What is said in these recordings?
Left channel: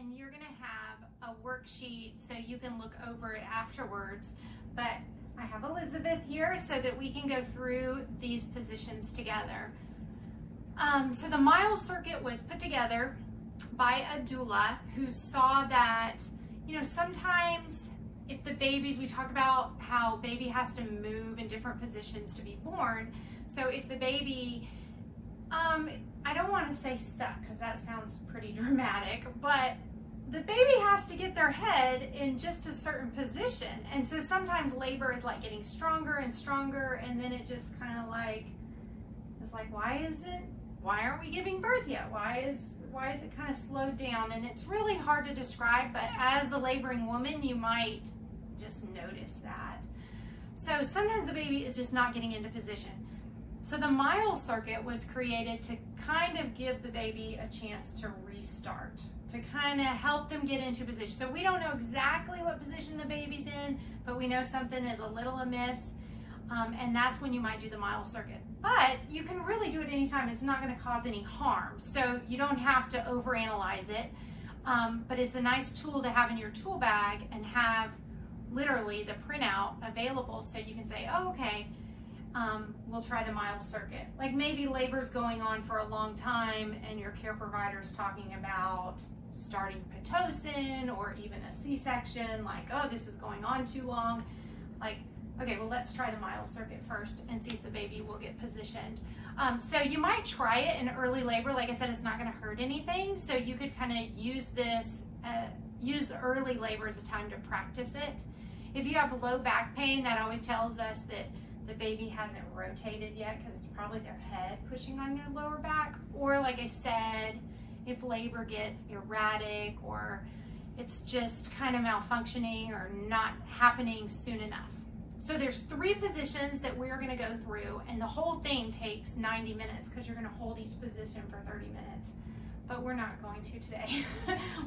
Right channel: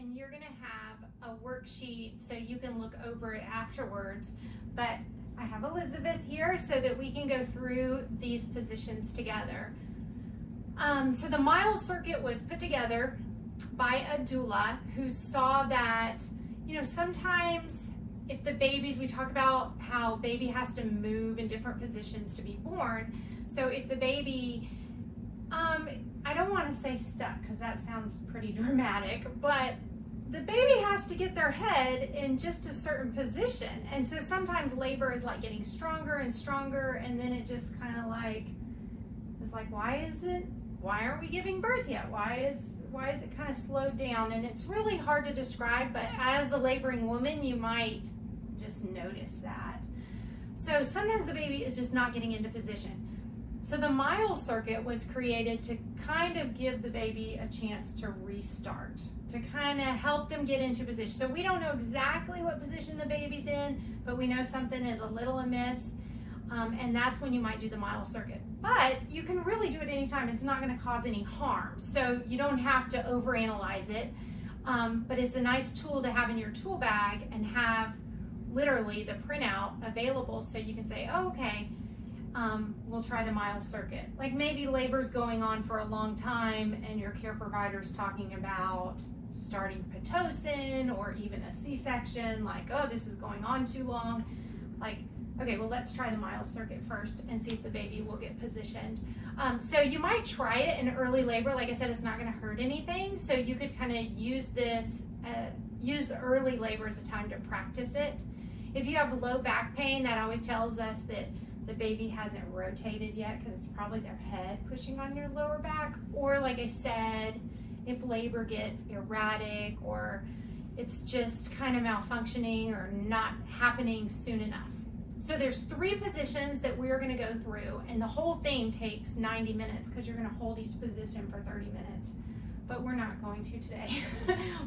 and you're gonna have a worksheet so you can look over it afterwards. But I have Elizabeth here so that we can go through these positions together. So the Miles circuit was put together by a doula who saw that, you know, sometimes if the babies, we talk about how baby has to move in different positions to be born. So if the baby, I don't want to say stuck because that sounds pretty dramatic, but the baby has to get their head in just a certain position. And so sometimes labor is like getting stronger and stronger, and then it just kind of like, it's like, why aren't we giving birth yet? Why is it kind of slowed down? And it's really hard to describe, but as the laboring woman, you might just notice that. So sometimes the baby is just not getting into position. So the Miles circuit was created to kind of give the baby a chance to restart, to kind of help them get into position. So we don't know exactly what position the baby's in, but we know something is a little amiss, and that's when you might do the Miles circuit. But you can really do it anytime. It's not going to cause any harm, so you don't have to overanalyze it. But it's a nice tool to have in your tool bag and have literally the printout available so you can say, oh, okay, we'll try the Miles circuit. Like maybe labor's going on for a long time and your care provider's talking about starting Pitocin or even a C-section, like, oh, this is going on too long. Like, okay, well, let's try the Miles circuit first and see if the baby will get positioned. So you might try it in early labor. Like I said, it's not going to hurt anything. So you could kind of use this, use early labor as a time to practice it. If you have low back pain, that always tells us that the baby hasn't rotated yet because it's probably their head pushing on your lower back. Or like I said, if labor gets erratic or it's just kind of malfunctioning or not happening soon enough. So there's 3 positions that we're going to go through, and the whole thing takes 90 minutes because you're going to hold each position for 30 minutes. But we're not going to today.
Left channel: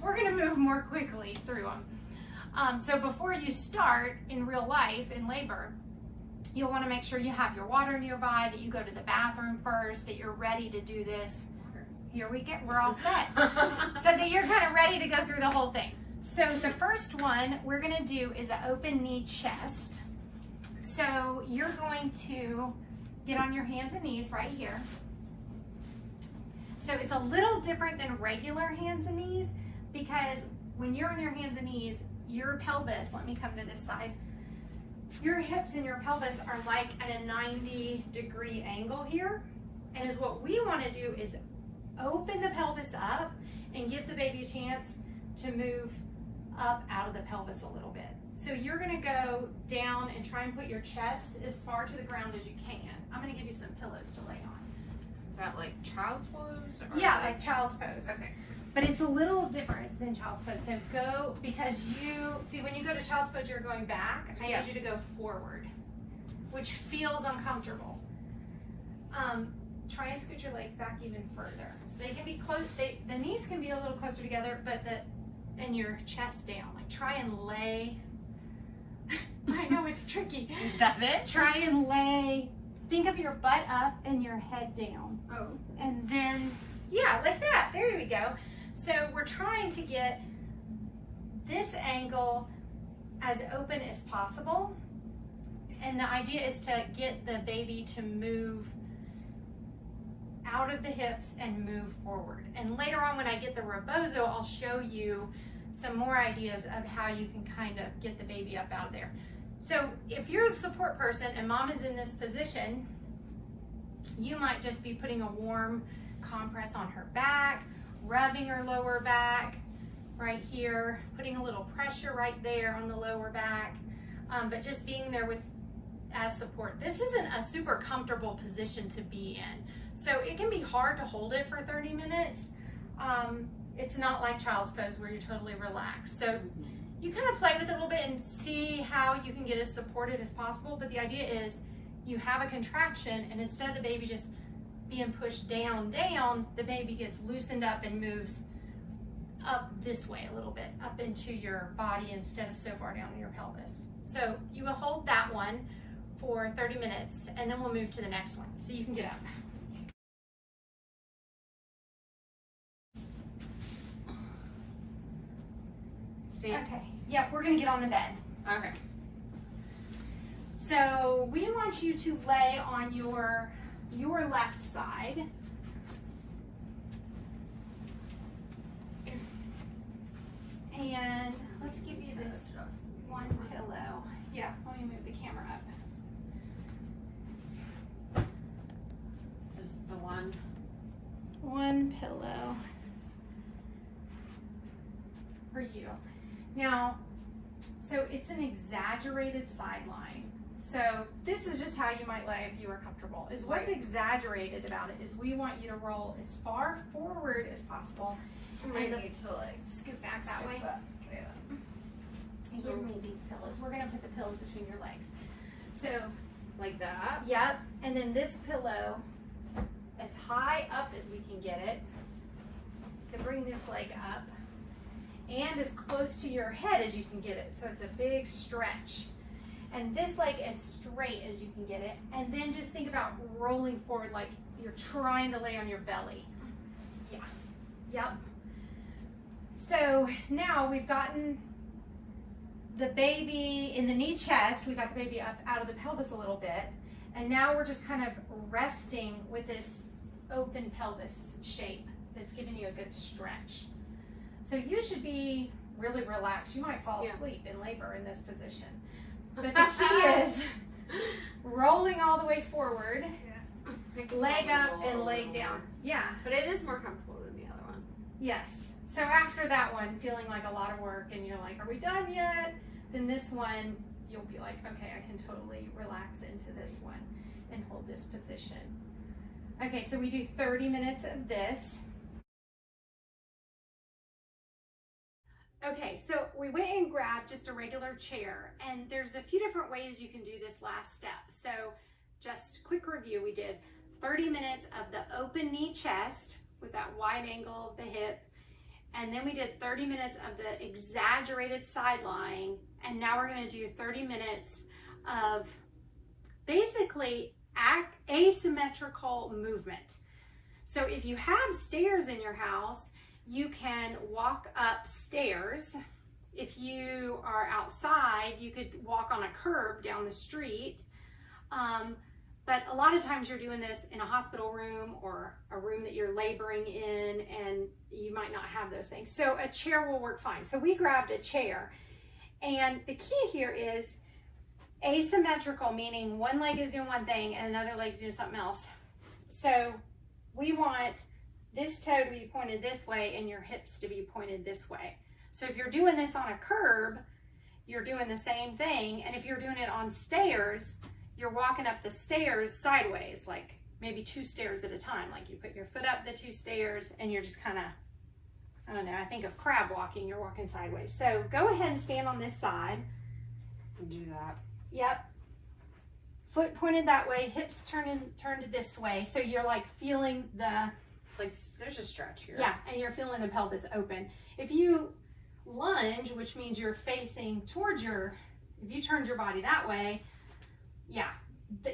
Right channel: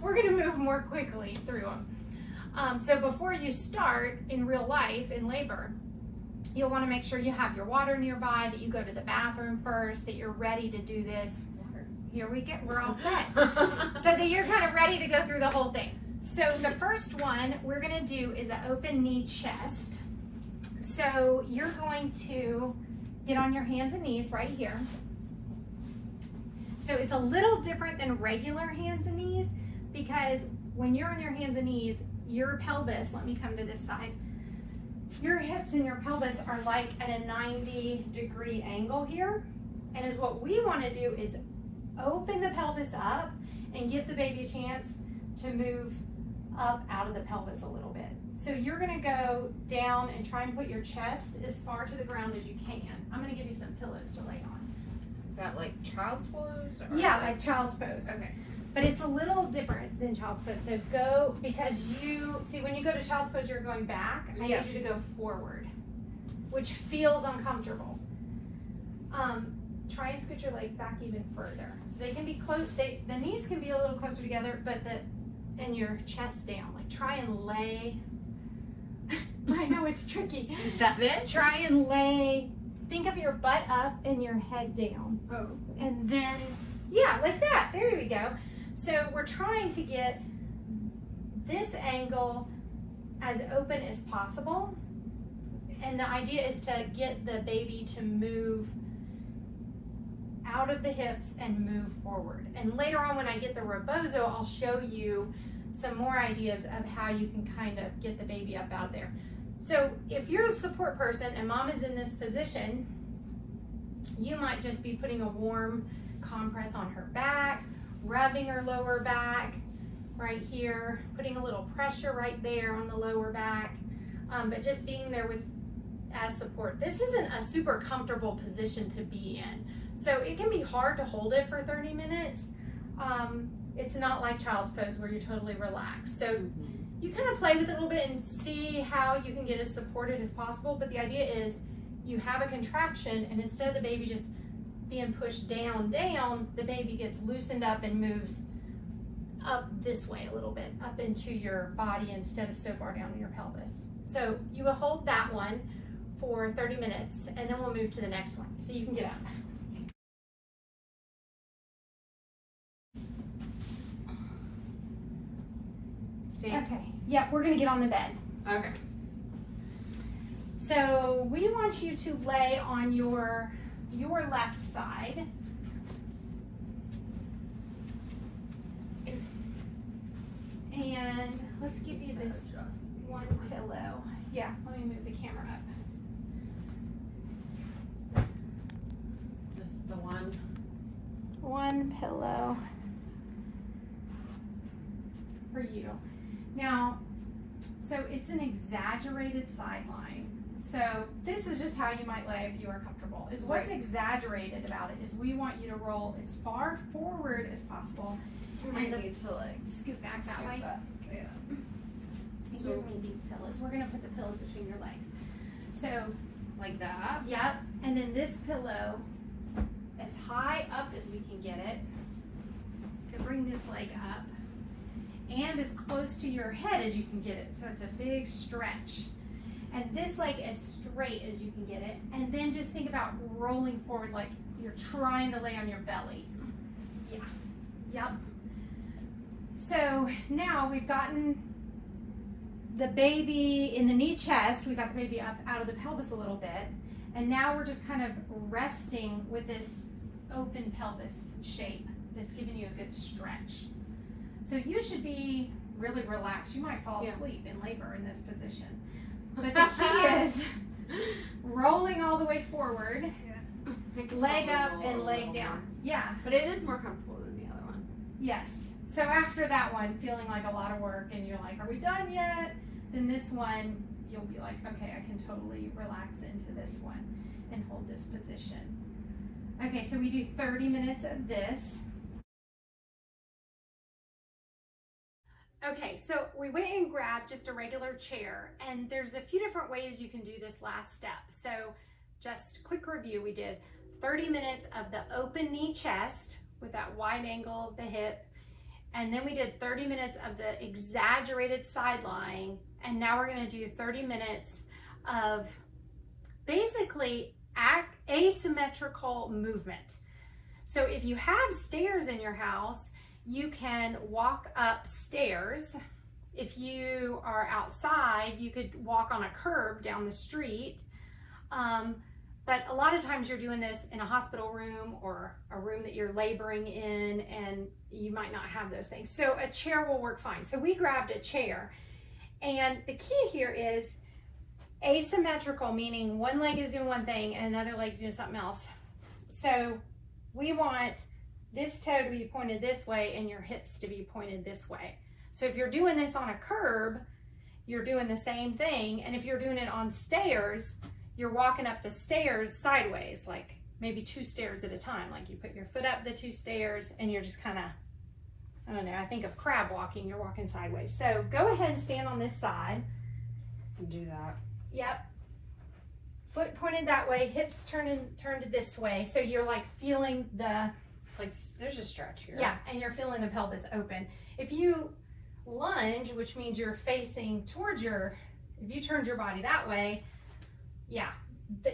We're going to move more quickly through them. So before you start in real life, in labor, you'll want to make sure you have your water nearby, that you go to the bathroom first, that you're ready to do this. Here we get, we're all set. So that you're kind of ready to go through the whole thing. So the first one we're going to do is an open knee chest. So you're going to get on your hands and knees right here. So it's a little different than regular hands and knees because when you're on your hands and knees, your pelvis, let me come to this side, your hips and your pelvis are like at a 90-degree angle here. And is what we want to do is open the pelvis up and give the baby a chance to move up out of the pelvis a little bit. So you're going to go down and try and put your chest as far to the ground as you can. I'm going to give you some pillows to lay on. Is that like child's pose? Or yeah, like child's pose. Okay. But it's a little different than child's pose. So go, because you, see when you go to child's pose, you're going back. I need you to go forward, which feels uncomfortable. Try and scoot your legs back even further. So they can be close, the knees can be a little closer together, but and your chest down. Like try and lay, I know it's tricky. Is that it? Try and lay, think of your butt up and your head down. Oh. And then, yeah, like that, there we go. So we're trying to get this angle as open as possible. And the idea is to get the baby to move out of the hips and move forward. And later on when I get the rebozo, I'll show you some more ideas of how you can kind of get the baby up out of there. So if you're a support person and mom is in this position, you might just be putting a warm compress on her back, rubbing her lower back right here, putting a little pressure right there on the lower back, but just being there as support. This isn't a super comfortable position to be in. So it can be hard to hold it for 30 minutes. It's not like child's pose where you're totally relaxed. So you kind of play with it a little bit and see how you can get as supported as possible. But the idea is you have a contraction, and instead of the baby just being pushed down, the baby gets loosened up and moves up this way a little bit, up into your body instead of so far down in your pelvis. So you will hold that one for 30 minutes, and then we'll move to the next one. So you can get up. stand? Okay. Yep, we're gonna get on the bed. Okay. So we want you to lay on your left side. And let's give you this one pillow. Yeah, let me move the camera up. Just the one. One pillow for you. Now, so it's an exaggerated side line. So this is just how you might lay if you are comfortable. Is what's Right. exaggerated about it is we want you to roll as far forward as possible. I need to like Scoot back that way. Okay. And give me these pillows. We're gonna put the pillows between your legs. So, Like that. yep, and then this pillow as high up as we can get it. So bring this leg up and as close to your head as you can get it. So it's a big stretch. And this leg as straight as you can get it. And then just think about rolling forward like you're trying to lay on your belly. Yeah, yep. So now we've gotten the baby in the knee chest. We got the baby up out of the pelvis a little bit. And now we're just kind of resting with this open pelvis shape that's giving you a good stretch. So you should be really relaxed. You might fall asleep in labor in this position. But the key is rolling all the way forward, leg up and leg down. Yeah, But it is more comfortable than the other one. yes. So after that one, feeling like a lot of work and you're like, are we done yet? Then this one, you'll be like, okay, I can totally relax into this one and hold this position. Okay, so we do 30 minutes of this. Okay, so we went and grabbed just a regular chair, and there's a few different ways you can do this last step. So just quick review, we did 30 minutes of the open knee chest with that wide angle of the hip, and then we did 30 minutes of the exaggerated side lying, and now we're gonna do 30 minutes of basically asymmetrical movement. So if you have stairs in your house, you can walk up stairs. If you are outside, you could walk on a curb down the street. But a lot of times you're doing this in a hospital room or a room that you're laboring in, and you might not have those things. So a chair will work fine. So we grabbed a chair, and the key here is asymmetrical, meaning one leg is doing one thing and another leg's doing something else. So we want this toe to be pointed this way and your hips to be pointed this way. So if you're doing this on a curb, you're doing the same thing. And if you're doing it on stairs, you're walking up the stairs sideways, like maybe 2 stairs at a time. Like you put your foot up the 2 stairs and you're just kind of, I don't know, I think of crab walking, you're walking sideways. So go ahead and stand on this side. And do that. Yep. Foot pointed that way, hips turned this way. So you're like feeling the, Like there's a stretch here. yeah, and you're feeling the pelvis open. If you lunge, which means you're facing towards if you turned your body that way, yeah,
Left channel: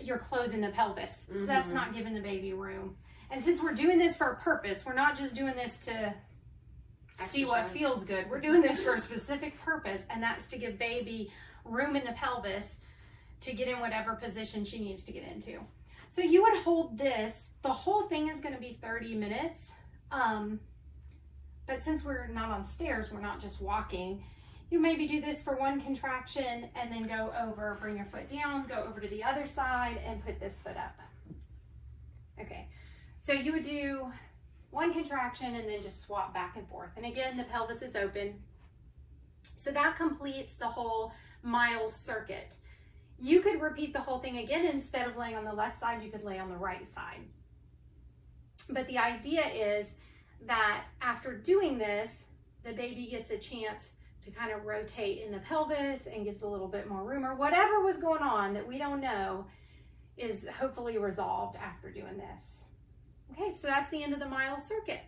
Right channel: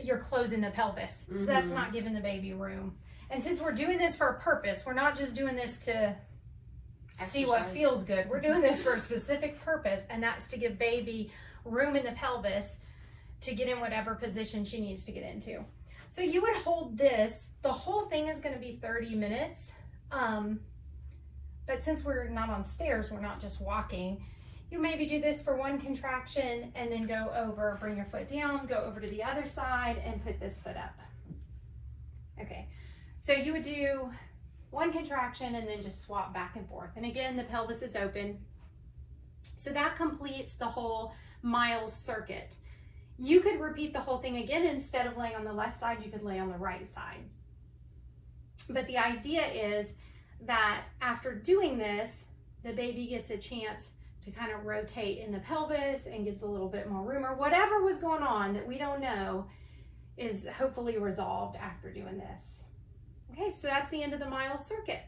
you're closing the pelvis. So that's not giving the baby room. And since we're doing this for a purpose, we're not just doing this to see what Exercise. feels good. We're doing this for a specific purpose, and that's to give baby room in the pelvis to get in whatever position she needs to get into. So you would hold this. The whole thing is going to be 30 minutes. But since we're not on stairs, we're not just walking, you maybe do this for one contraction and then go over, bring your foot down, go over to the other side and put this foot up. Okay, so you would do one contraction and then just swap back and forth. And again, the pelvis is open. So that completes the whole Miles circuit. You could repeat the whole thing again. Instead of laying on the left side, you could lay on the right side. But the idea is that after doing this, the baby gets a chance to kind of rotate in the pelvis and gives a little bit more room, or whatever was going on that we don't know is hopefully resolved after doing this. Okay, so that's the end of the Miles circuit.